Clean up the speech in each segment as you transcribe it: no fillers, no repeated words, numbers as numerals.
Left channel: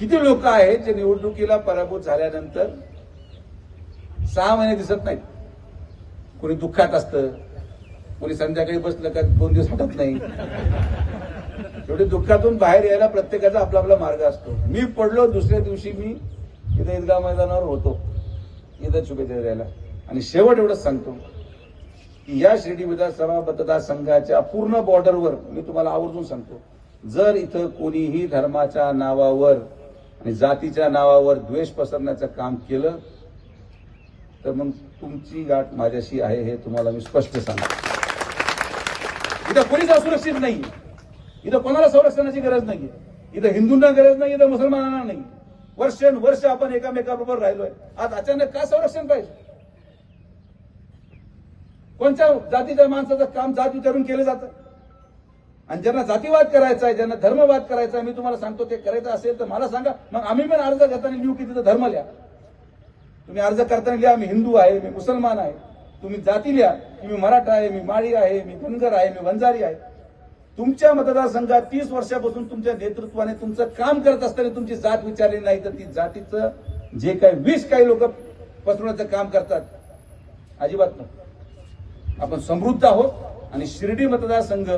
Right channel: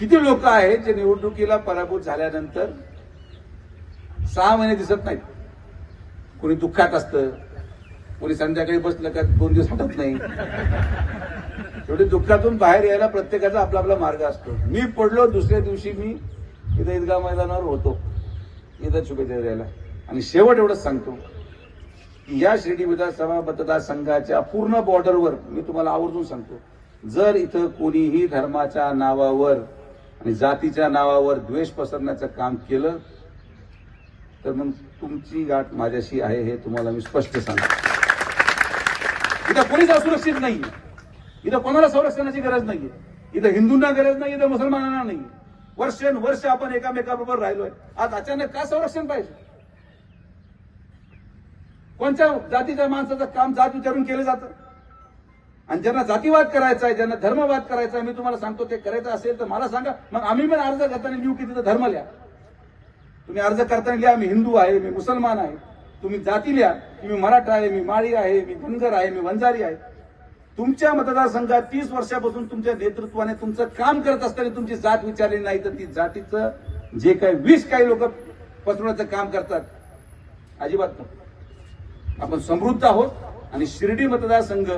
किती लोक आहेत जे निवडणुकीला पराभूत झाल्यानंतर 6 महिने दिसत नाहीत. कोणी दुःखात असतं, कोणी संध्याकाळी बसलं का 2 दिवस हटत नाही. शेवटी दुःखातून बाहेर यायला प्रत्येकाचा आपला आपला मार्ग असतो. मी पडलो, दुसऱ्या दिवशी मी इथं ईदगाह मैदानावर होतो इथं शुभेच्छा द्यायला. आणि शेवट एवढंच सांगतो की या शिर्डी विधानसभा मतदारसंघाच्या पूर्ण बॉर्डरवर मी तुम्हाला आवर्जून सांगतो, जर इथं कोणीही धर्माच्या नावावर आणि जातीच्या नावावर द्वेष पसरण्याचं काम केलं तर मग तुमची गाठ माझ्याशी आहे हे तुम्हाला मी स्पष्ट सांगतो. इथं कोणीच असुरक्षित नाहीये. इथं कोणाला संरक्षणाची गरज नाहीये. इथं हिंदूंना गरज नाही, इथं मुसलमानांना नाही. वर्षानुवर्ष आपण एकामेकाबरोबर राहिलोय. आज अचानक का संरक्षण पाहिजे? कोणत्या जातीच्या माणसाचं काम जात विचारून केलं जातं? आणि ज्यांना जातीवाद करायचा आहे, ज्यांना धर्मवाद करायचा आहे, मी तुम्हाला सांगतो ते करायचं असेल तर मला सांगा. मग आम्ही पण अर्ज करताना लिहू की तिथं धर्म लिहा. तुम्ही अर्ज करताना लिहा मी हिंदू आहे, मी मुसलमान आहे. तुम्ही जाती लिहा की मी मराठा आहे, मी माळी आहे, मी धनगर आहे, मी वंजारी आहे. तुमच्या मतदारसंघात 30 वर्षापासून तुमच्या नेतृत्वाने तुमचं काम करत असताना तुमची जात विचारली नाही तर ती जातीचं जे काही विष काही लोक पसरवण्याचं काम करतात अजिबात नाही. आपण समृद्ध आहोत आणि शिर्डी मतदारसंघ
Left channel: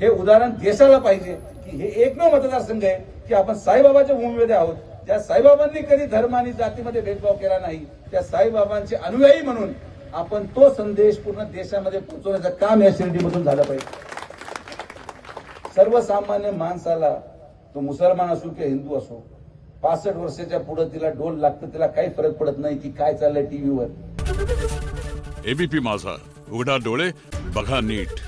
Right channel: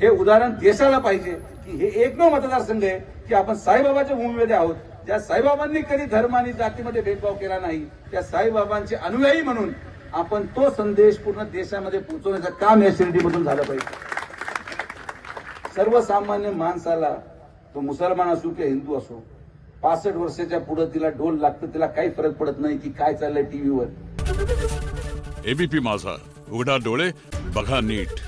हे उदाहरण देशाला पाहिजे की हे एकमेव मतदारसंघ आहे की आपण साईबाबाच्या भूमीमध्ये आहोत. ज्या साईबाबांनी कधी धर्म आणि जातीमध्ये भेदभाव केला नाही, त्या साईबाबांचे अनुयायी म्हणून आपण तो संदेश पूर्ण देशामध्ये पोहोचवण्याचं काम या शिर्डीमधून झालं पाहिजे. सर्वसामान्य माणसाला, तो मुसलमान असो किंवा हिंदू असो, 65 वर्षाच्या पुढे तिला ढोल लागतं, तिला काही फरक पडत नाही की काय चाललंय टीव्हीवर. एबीपी माझा, उघडा डोळे बघा नीट.